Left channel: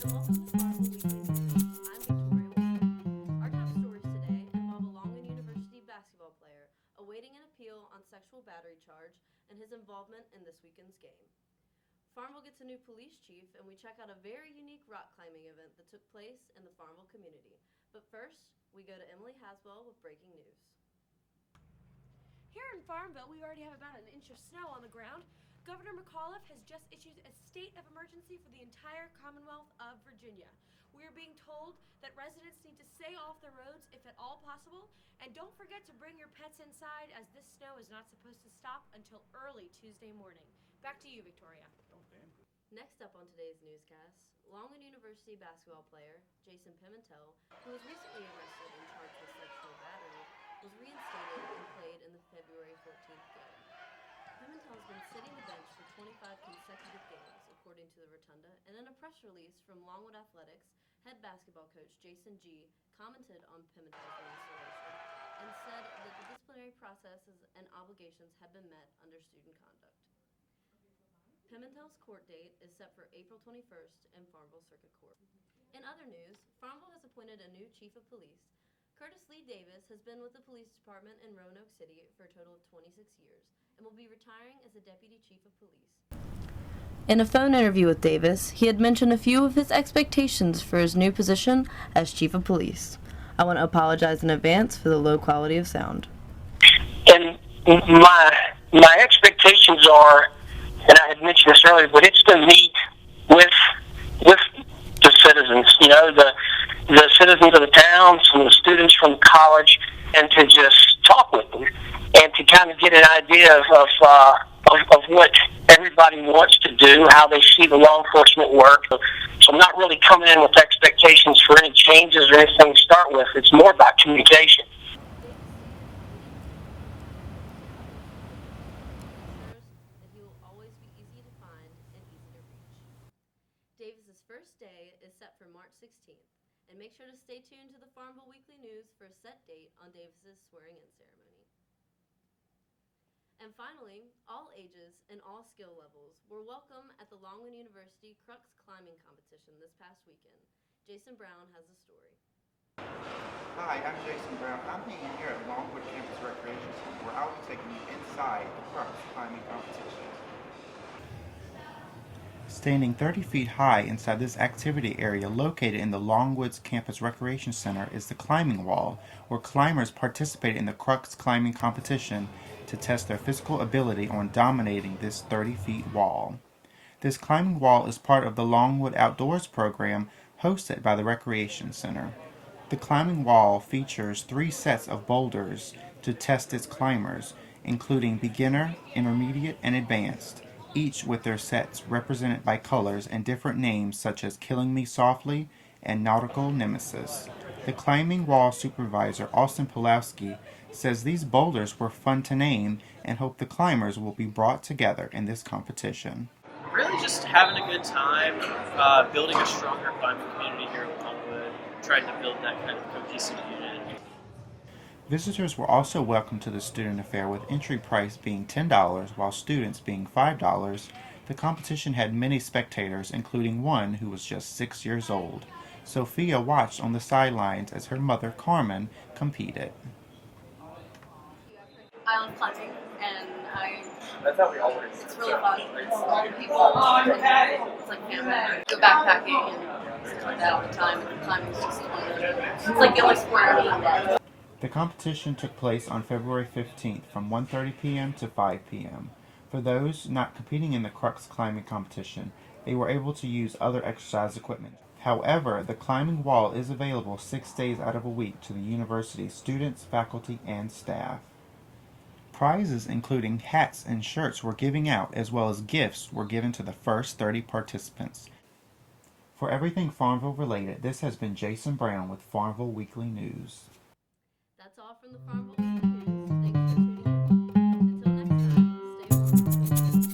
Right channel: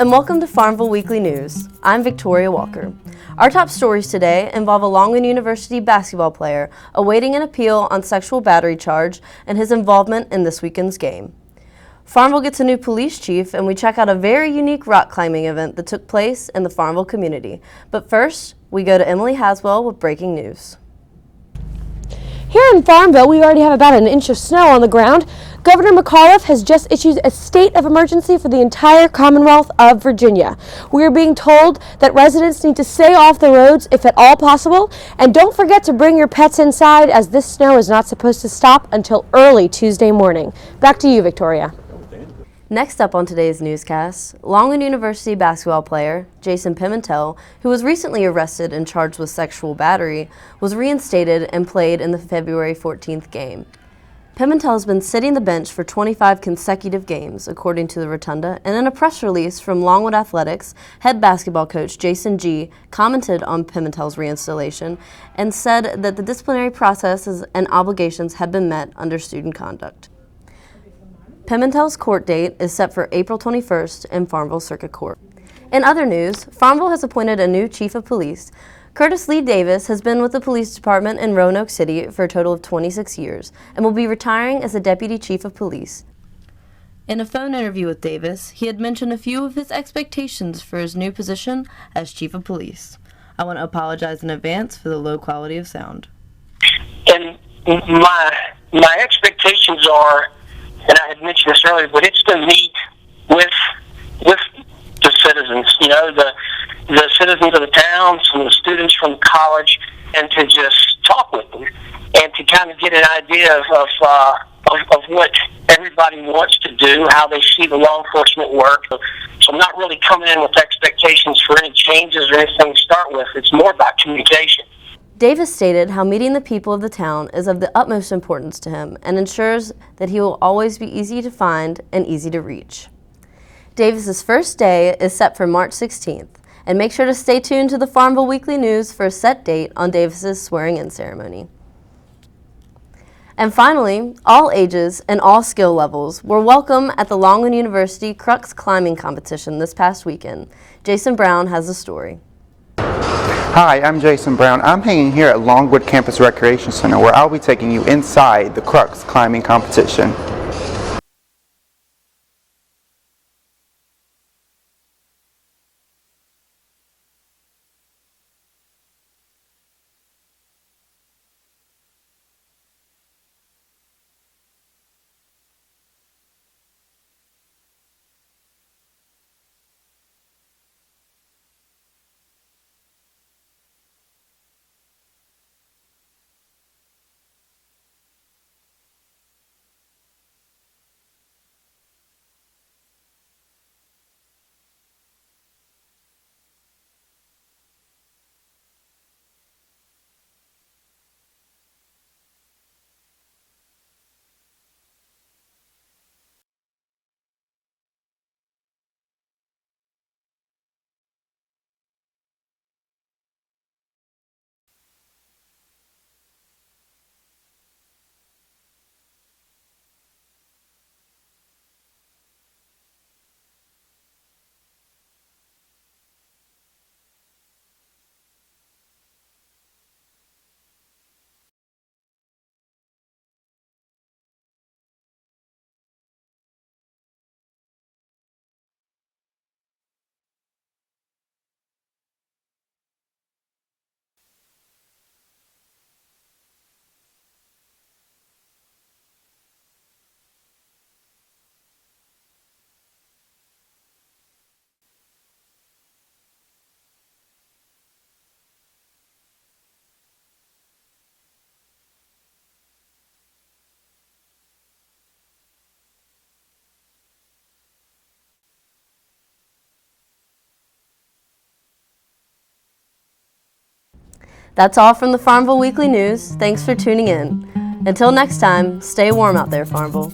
and welcome to Farmville Weekly News. I'm Victoria Walker. Our top stories today involve a Longwood University basketball player awaiting an appeal on sexual battery charge and his involvement in this weekend's game. Farmville gets a new police chief, and we check out a very unique rock climbing event that took place in the Farmville community. But first, we go to Emily Haswell with breaking news. Here in Farmville, we already have about an inch of snow on the ground. Governor McAuliffe has just issued a state of emergency for the entire Commonwealth of Virginia. We are being told that residents need to stay off the roads if at all possible, and don't forget to bring your pets inside, as this snow is not supposed to stop until early Tuesday morning. Back to you, Victoria. Next up on today's newscast, Longwood University basketball player Jason Pimentel, who was recently arrested and charged with sexual battery, was reinstated and played in the February 14th game. Pimentel has been sitting the bench for 25 consecutive games, according to the Rotunda, and in a press release from Longwood Athletics, head basketball coach Jason G. commented on Pimentel's reinstallation and said that the disciplinary processes and obligations have been met under student conduct. Pimentel's court date is set for April 21st in Farmville Circuit Court. In other news, Farmville has appointed a new chief of police. Curtis Lee Davis has been with the police department in Roanoke City for a total of 26 years and will be retiring as the deputy chief of police. In a phone interview with Davis, he had mentioned a few of his expectations for his new position as chief of police. I want to apologize in advance for the low quality of sound. And my expectations are, and I had mentioned this earlier, but it's to meet with the citizens, the citizens of the towns and the students from college, and to just talk with them and to kind of get an idea of what everybody wants to do, how they see the law enforcement work. So I'm not really coming in with expectations for any changes or anything to start with. It's more about communication. Davis stated how meeting the people of the town is of the utmost importance to him and ensures that he will always be easy to find and easy to reach. Davis's first day is set for March 16th, and make sure to stay tuned to the Farmville Weekly News for a set date on Davis's swearing-in ceremony. And finally, all ages and all skill levels were welcome at the Longwood University Crux Climbing Competition this past weekend. Jason Brown has the story. Hi, I'm Jason Brown. I'm hanging here at Longwood Campus Recreation Center, where I'll be taking you inside the Crux Climbing Competition. Standing 30 feet high inside this activity area located in the Longwood's Campus Recreation Center is the climbing wall, where climbers participate in the Crux Climbing Competition to test their physical ability on dominating this 30-feet wall. This climbing wall is part of the Longwood Outdoors program hosted by the Recreation Center. The climbing wall features 3 sets of boulders to test its climbers, including beginner, intermediate, and advanced, each with their sets represented by colors and different names such as Killing Me Softly and Nautical Nemesis. The climbing wall supervisor, Austin Pulowski, says these boulders were fun to name and hope the climbers will be brought together in this competition. Really just having a good time, building a stronger climbing community here in Longwood, trying to build that kind of cohesive unit. Visitors were also welcome to the student affair, with entry price being $10 while students being $5. The competition had many spectators, including one who was just 6 years old. Sophia watched on the sidelines as her mother, Carmen, competed. I love climbing, and That's how we always. it's really fun. It's a lot of people. It's like family. Go backpacking and stuff like that all the time. And climbing's just one of the. It's like the only sport I need. The competition took place on February 15th from 1:30 p.m. to 5 p.m. For those not competing in the Crux climbing competition, they were able to use other exercise equipment. However, the climbing wall is available 6 days out of a week to the university's students, faculty, and staff. Prizes including hats and shirts were giving out, as well as gifts were given to the first 30 participants. For everything Farmville related, this has been Jason Brown with Farmville Weekly News. That's all from the Farmville Weekly News. Thanks for tuning in. Until next time, stay warm out there, Farmville.